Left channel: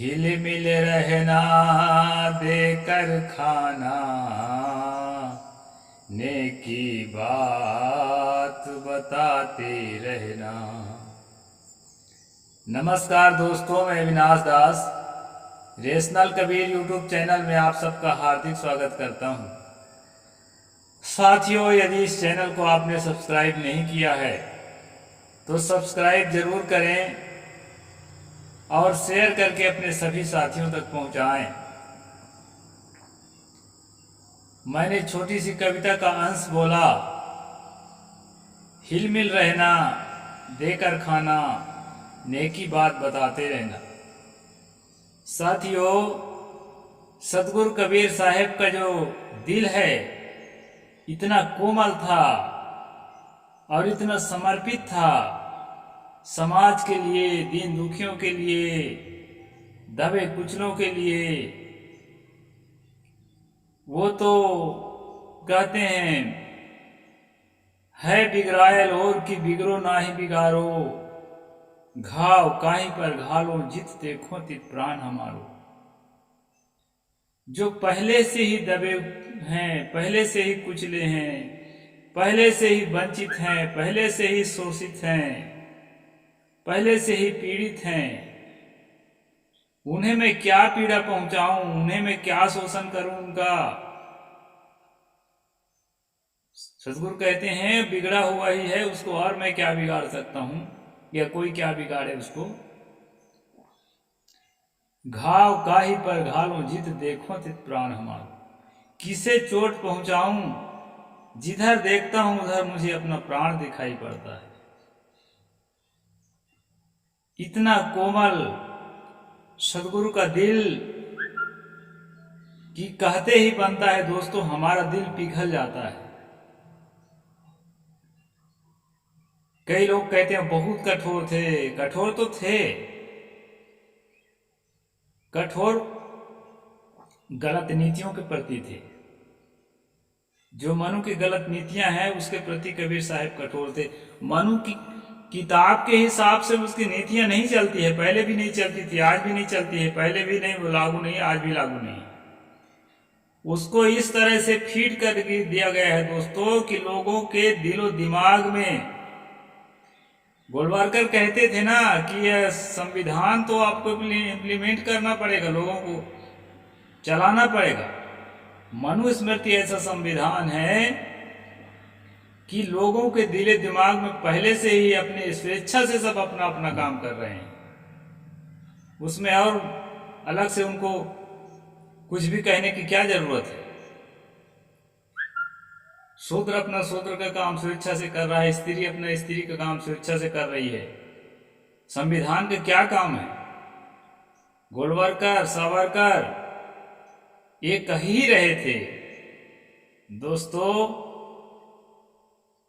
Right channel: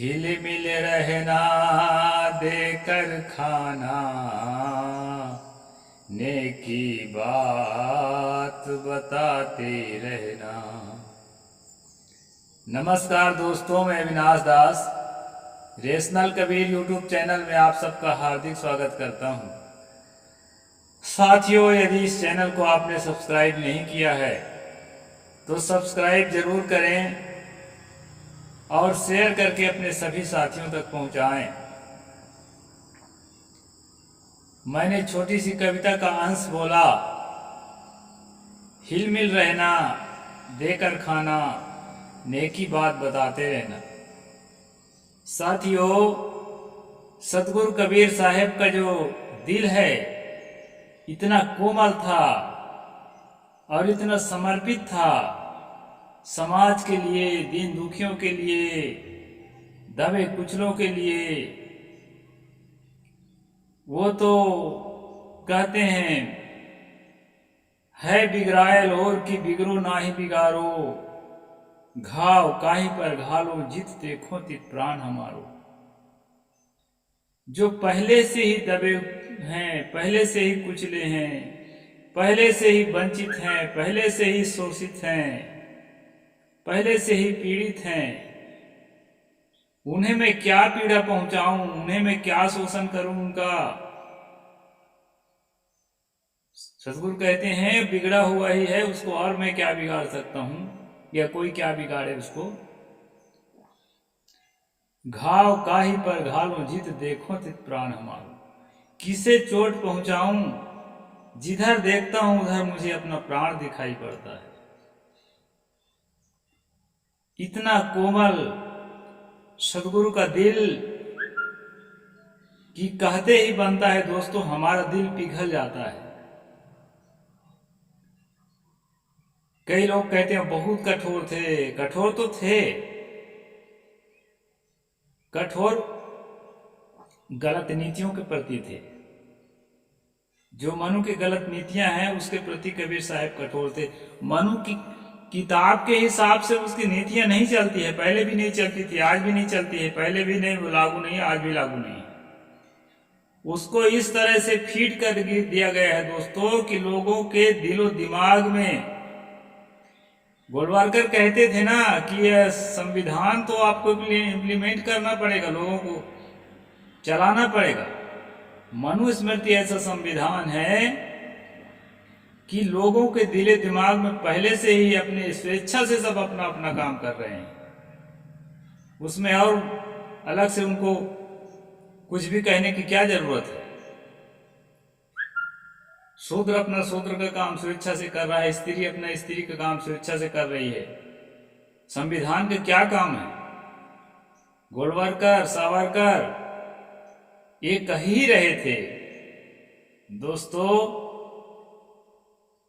हिल मिल रहना देकर खाना, नेकी बात बताते रहना। नमस्कार दोस्तों, मैं अविनाश दास रेशनल कबीर यूट्यूब चैनल में आप सबका हार्दिक स्वागत करता हूं। साथियों, यदि इस चैनल को आपने सब्सक्राइब नहीं किया है तो सब्सक्राइब जरूर करें और शेयर करके अपने सभी साथियों तक पहुंचाएं। मैंने छोटी सी कविता का अंश बोला, हिल मिल रहना देकर खाना, नेकी बात बताते रहना। साथियों, सतगुरु कबीर साहब का जो दिल है इतना कोमल था और इतना समर्पित था समाज के लिए, दीन दुखियों के लिए, दबे कुचलों के लिए। वो तो कहते हैं, है बिगड़ायल और की बिगड़ो नाही बिगारो, घाव काहीं पर घालो जित देखो तित प्राण हमारो। जो पहले से ही दबे हैं, पहले से ही कुचले हैं, पहले से ही वंचित हैं, पहले से ही शोषित हैं, पहले से ही पीड़ित हैं, उन्हें मैं क्या पीड़ा पहुंचाऊं, उन्हें मैं क्या शोषण करूं उनका। सतगुरु कहते हैं, बिगड़ा हुआ ही है उसको और मैं क्या बिगाड़ सकता हूं, या कोई क्या बिगाड़े उसको। घाव काहि पर घालो जित देखो तित प्राण हमारो। किसे चोट पहुंचाऊं, जिधर देखता हूं उधर मुझे अपना प्राण दिखाई पड़ता है। इतना कोमल सतगुरु का दिल कि कहते ही बनता है दोस्तों, हमारा दिल पिघल जाता है। कई लोग कहते हैं बहुत कठोर थे, कठोर तो थे, कठोर गलत नीतियों के प्रति थे। जो मनु की गलत नीतियां हैं उसके प्रति कबीर साहब कठोर थे। मनु की किताब के हिसाब से उसकी नीतियां नहीं चलती है, पहले भी नहीं चलती थी, आज भी नहीं चलती है, पहले भी नहीं लागू नहीं, आज भी लागू नहीं। उसको इस तरह से फीड कर दिया गया है दोस्तों कि लोगों के दिलो दिमाग में, गोलवारकर कहते थे ना कि यह संविधान तो आपको इम्प्लीमेंट करना पड़ेगा, लोगों को चलाना पड़ेगा। मनुस्मृति ऐसा संविधान है कि लोगों के दिले दिमाग में पहले से ही अपने स्वेच्छा से सब अपना अपना काम कर रहे हैं, उसमें और अलग से उनको कुछ भी कहने की क्या जरूरत है। शूद्र अपना शूद्र का काम स्वेच्छा से कर रहा है, स्त्री अपना स्त्री का काम स्वेच्छा से कर रही है। संविधान का क्या काम है? गोलवारकर, सावरकर ये कह ही रहे थे दोस्तों,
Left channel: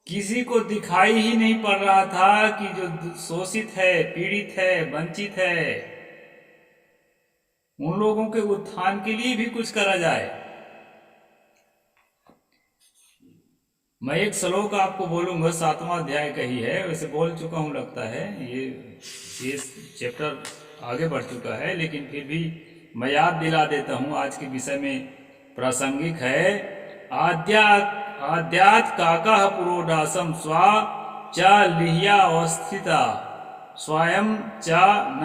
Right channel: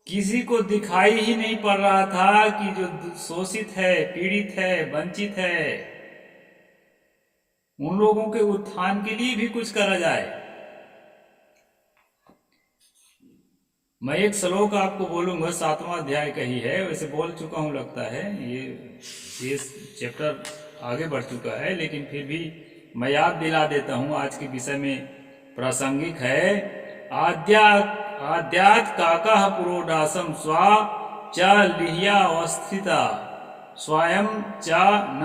किसी को दिखाई ही नहीं पड़ रहा था कि जो शोषित है, पीड़ित है, वंचित है, उन लोगों के उत्थान के लिए भी कुछ करा जाए। मैं एक श्लोक आपको बोलूंगा, 7वां अध्याय का ही है, वैसे बोल चुका हूं लगता है, ये चैप्टर आगे बढ़ चुका है, लेकिन फिर भी मैं याद दिला देता हूं, आज के विषय में प्रासंगिक है। आद्यात काका पुरोडासम स्वा च लिह्या अवस्थिता स्वयं च न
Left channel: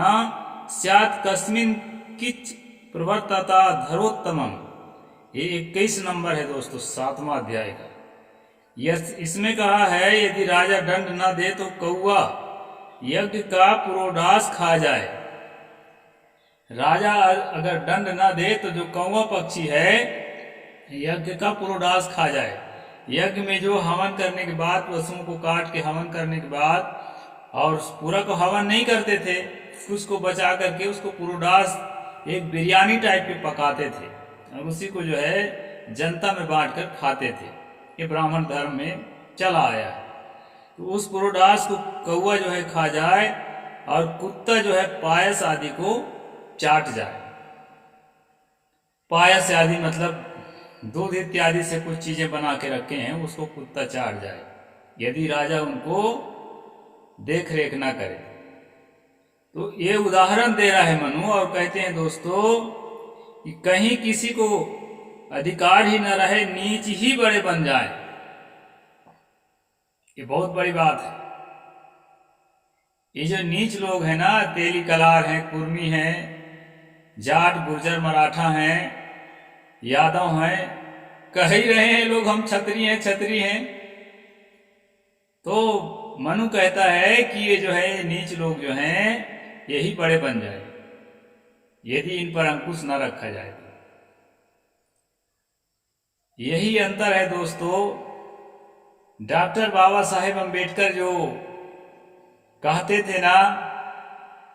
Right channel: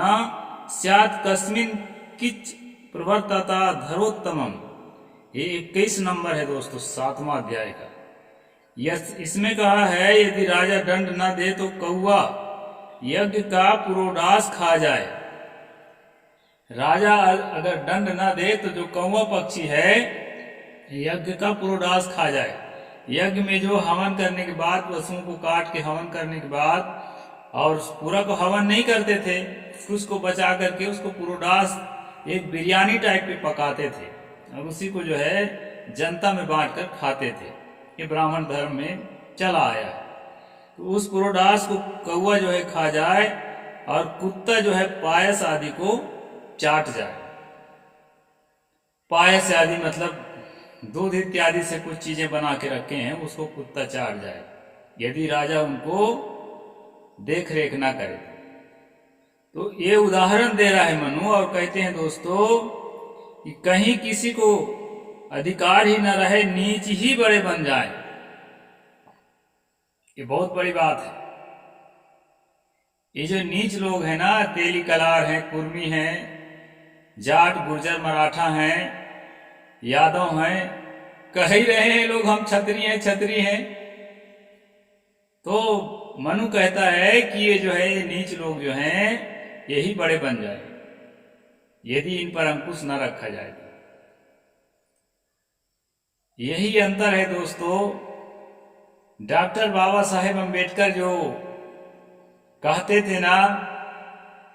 स्यात् कस्मिन किच प्रवर्तता धरोत्तमम। ये 21 नंबर है दोस्तों, 7वां अध्याय का। इसमें कहा है, यदि राजा दंड न दे तो कौआ यज्ञ का पुरोडास खा जाए। राजा अगर दंड न दे तो जो कौवा पक्षी है यज्ञ का पुरोडास खा जाए। यज्ञ में जो हवन करने के बाद, पशुओं को काट के हवन करने के बाद, और पूरा को हवन नहीं करते थे, कुछ को बचा करके उसको पुरोडास एक बिरयानी टाइप पे पकाते थे और उसी को जो है जनता में बांट कर खाते थे। ये ब्राह्मण धर्म में चला आया है। तो उस पुरोडास को कौवा जो है खा जाए और कुत्ता जो है पायस आदि को चाट जाए। पायस आदि मतलब दूध इत्यादि से कुछ चीजें बना के रखे हैं, उसको कुत्ता चाट जाए, यदि राजा उनको देख रेख ना करे। तो ये उदाहरण दे रहा है मनु, और कहते हैं दोस्तों कि कहीं किसी को अधिकार ही न रहे, नीच ही बड़े बन जाए। ये बहुत बड़ी बात है। ये जो नीच लोग हैं ना, तेली कलार हैं, कुर्मी हैं, जाट गुर्जर मराठा हैं, यादव हैं, कह ही रहे हैं लोग हम छत्री हैं छत्री हैं। तो मनु कहता है कि ये जो है, ये नीच लोग जो हैं यही बड़े बन जाए यदि इन पर अंकुश न रखा जाए तो। यही अंतर है दोस्तों। डॉक्टर बाबा साहेब अम्बेडकर जो कहते थे ना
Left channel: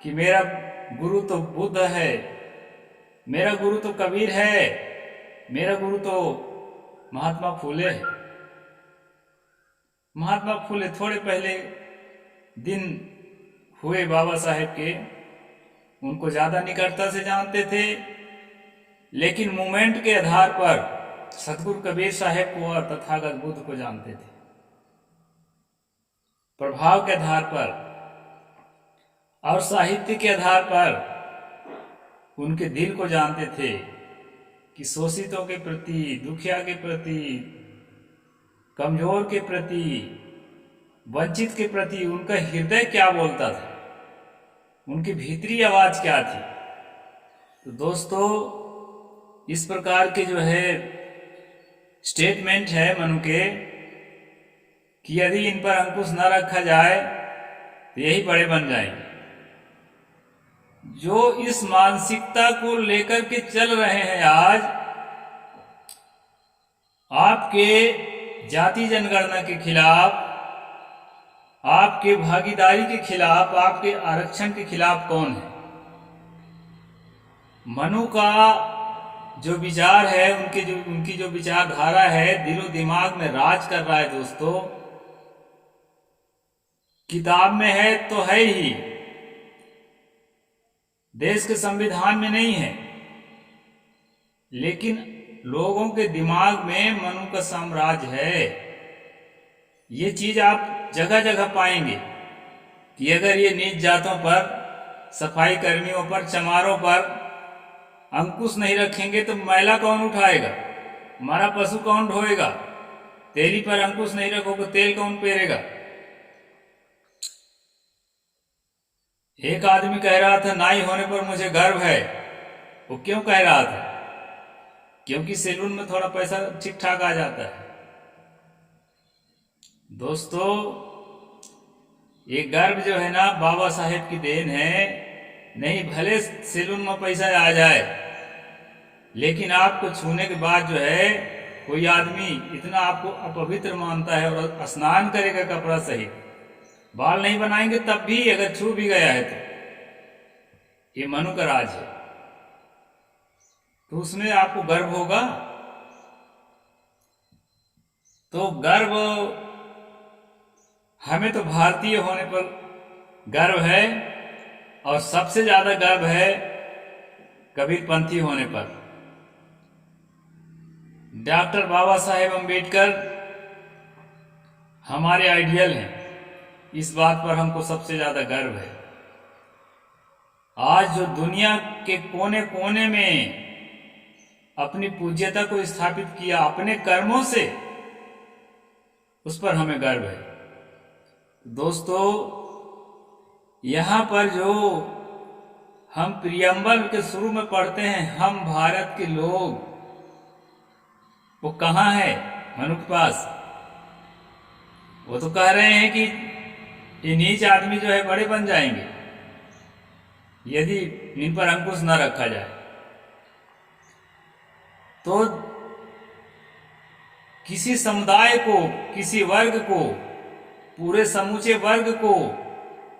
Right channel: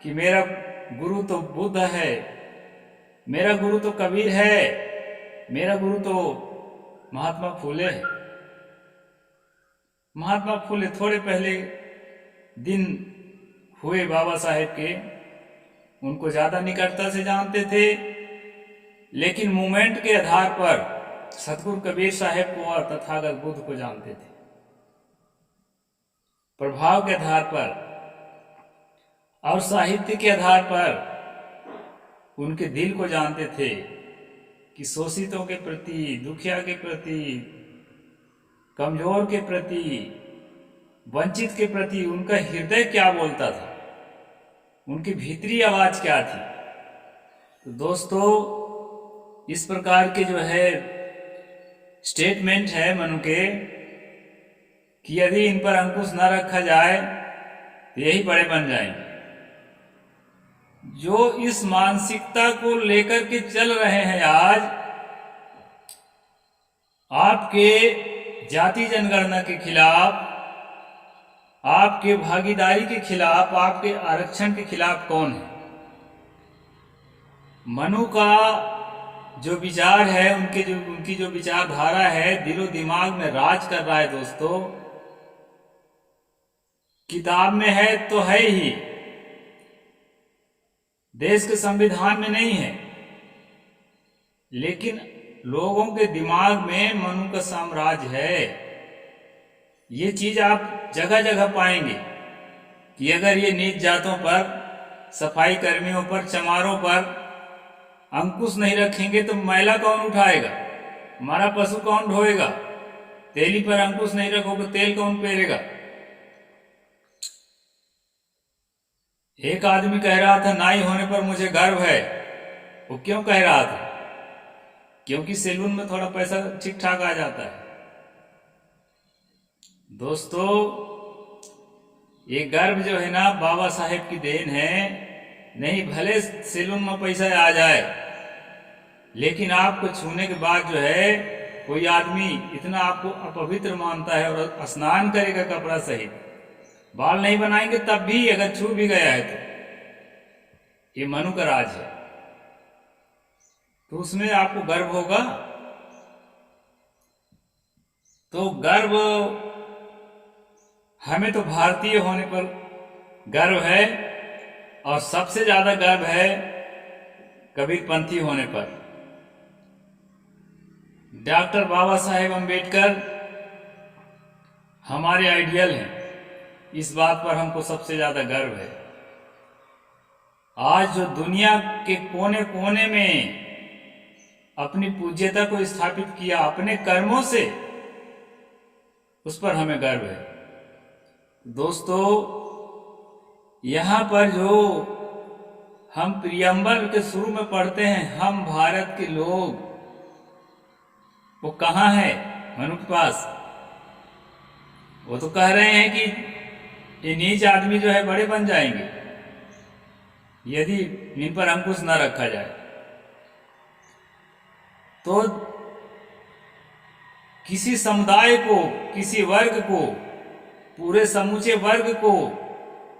कि मेरा गुरु तो बुद्ध है, मेरा गुरु तो कबीर है, मेरा गुरु तो महात्मा फुले है। महात्मा फुले थोड़े पहले दिन हुए बाबा साहेब के, उनको ज़्यादा निकटता से जानते थे, लेकिन मूवमेंट के आधार पर सतगुरु कबीर साहेब को और तथागत बुद्ध को जानते थे। प्रभाव के आधार पर और साहित्य के आधार पर उनके दिल को जानते थे कि शोषितों के प्रति, दुखिया के प्रति, कमजोर के प्रति, वंचित के प्रति उनका हृदय क्या बोलता था, उनकी भीतरी आवाज क्या थी। तो दोस्तों इस प्रकार के जो है स्टेटमेंट है मनु के कि यदि इन पर अंकुश न रखा जाए तो यही बड़े बन जाएंगे। जो इस मानसिकता को लेकर के चल रहे हैं आज, आपके जाति जनगणना के खिलाफ, आपके भागीदारी के खिलाफ, आपके आरक्षण के खिलाफ कौन है? मनु का जो विचार है, उनकी जो विचारधारा है, दिलो दिमाग में राज कर रहा है दोस्तों। किताब में है तो है ही, देश के संविधान में नहीं है, लेकिन लोगों के दिमाग में मनु का साम्राज्य है। ये चीज आप जगह जगह पाएंगे कि अगर ये नीच जातों पर, सफाई कर्मियों पर, चमारों पर अंकुश नहीं रखेंगे तो मैला कौन उठाएगा, हमारा पशु कौन ढोएगा, तेली पर अंकुश नहीं रखोगे तेल कौन पेरेगा। एक आदमी कह रहा था नाई होने पर मुझे गर्व है। वो क्यों कह रहा था? क्योंकि सैलून में थोड़ा पैसा ठीक ठाक आ जाता है। दोस्तों ये गर्व जो है ना, बाबा साहेब की देन है। नहीं भले सैलून में पैसा आ जाए, लेकिन आपको छूने के बाद जो है कोई आदमी इतना आपको अपवित्र मानता है और स्नान करेगा कपड़ा सहित, बाल नहीं बनाएंगे तब भी, अगर छू भी गया है तो। ये मनु का राज है, तो उसमें आपको गर्व होगा। तो गर्व, हमें तो भारतीय होने पर गर्व है, और सबसे ज्यादा गर्व है कबीरपंथी होने पर। डॉक्टर बाबा साहेब अम्बेडकर हमारे आइडियल हैं, इस बात पर हमको सबसे ज्यादा गर्व है। आज जो दुनिया के कोने कोने में अपनी पूज्यता को स्थापित किया अपने कर्मों से, उस पर हमें गर्व है। दोस्तों यहाँ पर जो हम प्रियम्बल के शुरू में पढ़ते हैं, हम भारत के लोग, वो कहाँ है मनु के पास? वो तो कह रहे हैं कि ये नीच आदमी जो है बड़े बन जाएंगे यदि इन पर अंकुश न रखा जाए। तो किसी समुदाय को, किसी वर्ग को, पूरे समूचे वर्ग को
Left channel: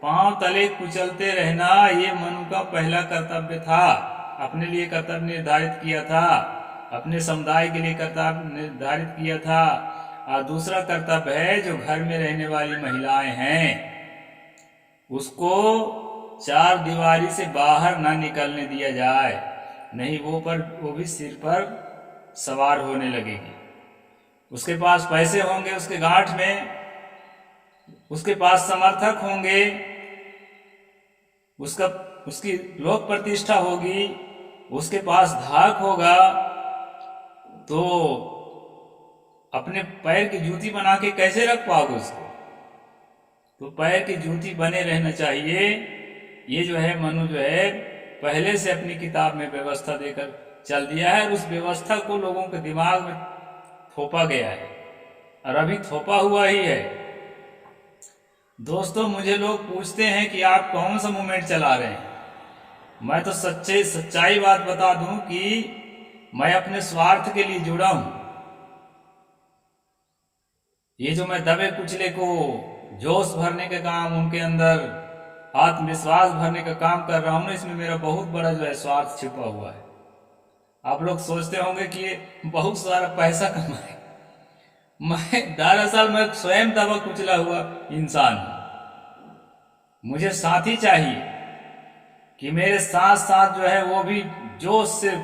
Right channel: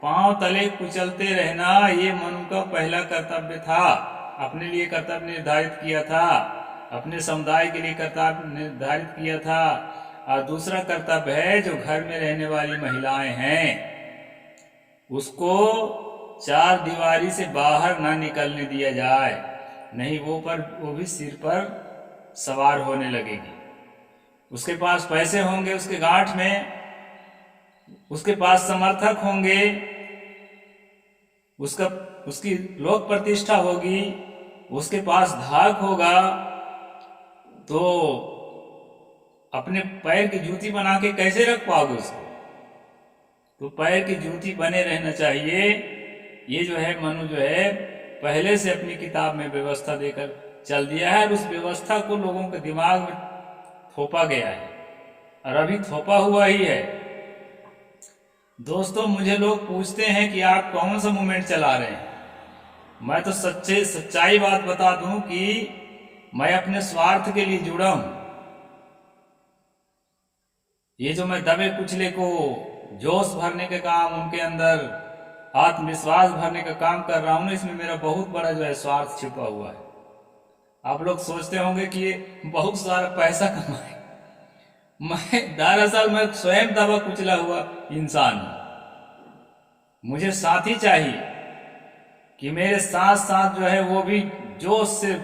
पांव तले कुचलते रहना, ये मनु का पहला कर्तव्य था। अपने लिए कर्तव्य निर्धारित किया था, अपने समुदाय के लिए कर्तव्य निर्धारित किया था। और दूसरा कर्तव्य है जो घर में रहने वाली महिलाएं हैं, उसको चार दीवारी से बाहर न निकलने दिया जाए, नहीं वो भी सिर पर सवार होने लगेगी। उसके पास पैसे होंगे उसके गांठ में, उसके पास समर्थक होंगे, उसका उसकी लोक प्रतिष्ठा होगी, उसके पास धाक होगा, तो अपने पैर की जूती बना के कैसे रख पाओगे उसको? तो पैर की जूती बने रहना चाहिए। ये जो है मनु जो है पहले से अपनी किताब में व्यवस्था देकर चल दिया है, और उस व्यवस्था को लोगों के दिमाग में थोपा गया है, और अभी थोपा हुआ ही है। दोस्तों, मुझे लोग पूछते हैं कि आप कौन सा मूवमेंट चला रहे हैं। मैं तो सच्चाई बात बता दूं कि मैं अपने स्वार्थ के लिए जुड़ा हूं। ये जो मैं दबे कुचले को जोश भरने के काम, उनके अंदर आत्मविश्वास भरने का काम कर रहा हूं ना, इसमें मेरा बहुत बड़ा जो है स्वार्थ छिपा हुआ है। आप लोग सोचते होंगे कि ये बहुत सारा पैसा कमाए, दरअसल मैं स्वयं दबा कुचला हुआ इंसान हूं। मुझे साथी चाहिए कि मेरे साथ साथ जो है वो भी जोश से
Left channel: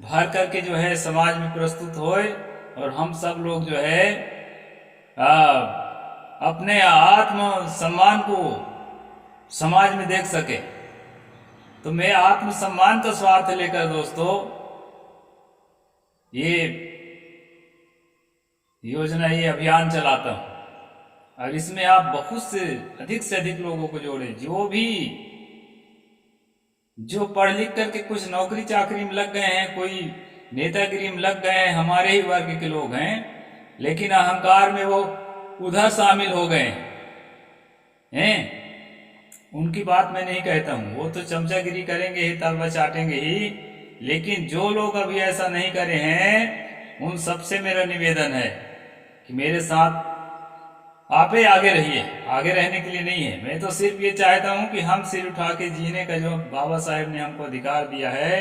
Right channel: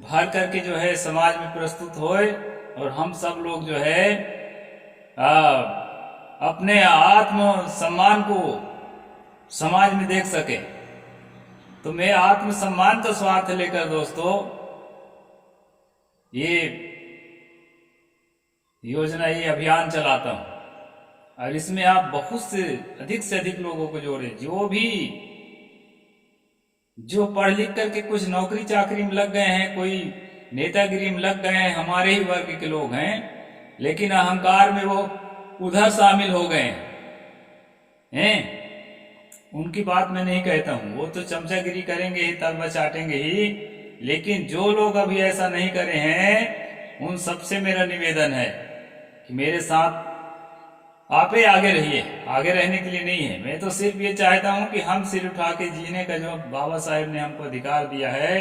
भर करके जो है समाज में प्रस्तुत होए, और हम सब लोग जो है अपने आत्म सम्मान को समाज में देख सके। तो मैं आत्म सम्मान का स्वार्थ लेकर दोस्तों ये योजना, ये अभियान चलाता हूं, और इसमें आप बहुत से अधिक लोगों को जोड़े, जो पढ़ लिख करके कुछ नौकरी चाकरी में लग गए हैं, कोई नेतागिरी में लग गए हैं, हमारे ही वर्ग के लोग हैं, लेकिन अहंकार में वो उधर शामिल हो गए हैं। उनकी बात मैं नहीं कहता हूं, वो तो चमचागिरी करेंगे ही, तलवा चाटेंगे ही, लेकिन जो लोग अभी ऐसा नहीं करे हैं, उन सबसे मेरा निवेदन है कि मेरे साथ आप ही आगे रहिए। आगे रहने के लिए नहीं है, मैं तो सिर्फ ये चाहता हूं कि हम सिर उठा के जीने का जो बाबा साहेब ने हमको अधिकार दिया है,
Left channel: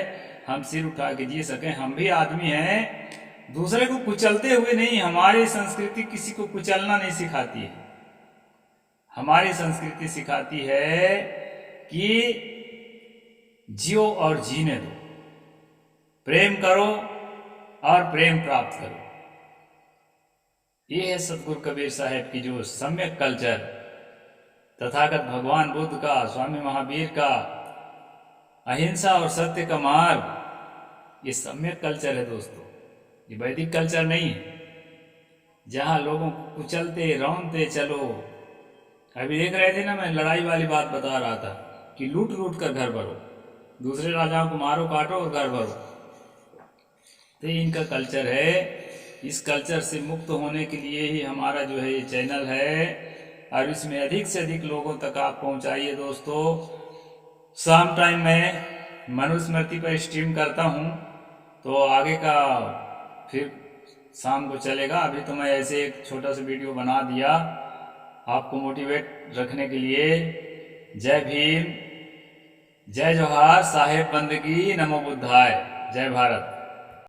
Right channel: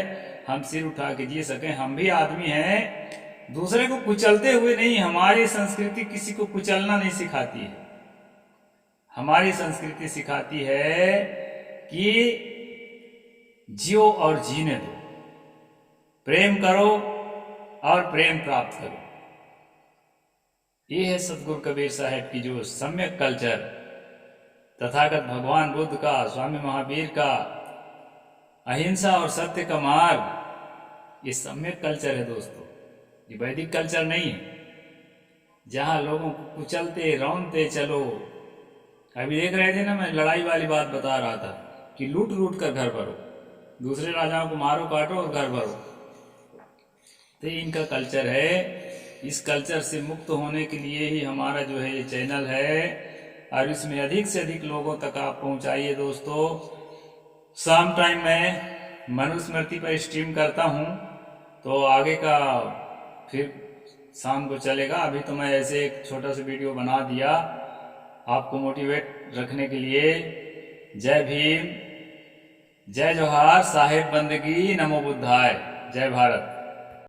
हम सिर उठा के जी सकें। हम भी आदमी हैं, दूसरे को कुचलते हुए नहीं। हमारी संस्कृति किसी को कुचलना नहीं सिखाती है। हमारी संस्कृति सिखाती है कि जियो और जीने दो, प्रेम करो और प्रेम प्राप्त करो। ये है सतगुरु कबीर साहब की जो सम्यक कल्चर, तथागत भगवान बुद्ध का, स्वामी महावीर का अहिंसा और सत्य का मार्ग, ये सम्यक कल्चर है दोस्तों। ये वैदिक कल्चर नहीं है, जहाँ लोगों को कुचलते रौनते चलो। अभी देख रहे थे ना, मैं लड़ाई वाली बात बता रहा था कि लूट लूट कर घर भरो, दूसरे राजाओं को मारो काटो और घर भरो। तो इनका कल्चर है। इस कल्चर से मुक्त होने के लिए ही हमारा जो है ये चैनल है, और इसमें अधिक से अधिक लोगों तक आप पहुंचाइए दोस्तों। शाम टाइम मैं मनुस्मृति पर स्ट्रीम करता हूं, तो आगे का फिर शाम को चलेगा। अभी तो मैं ऐसे एक छोटा सा वीडियो बना दिया आपको मोटिवेट रखने के लिए। जय भीम, जय जोहार, साहेब बंदगी, नमो बुद्धाय, जय भारत।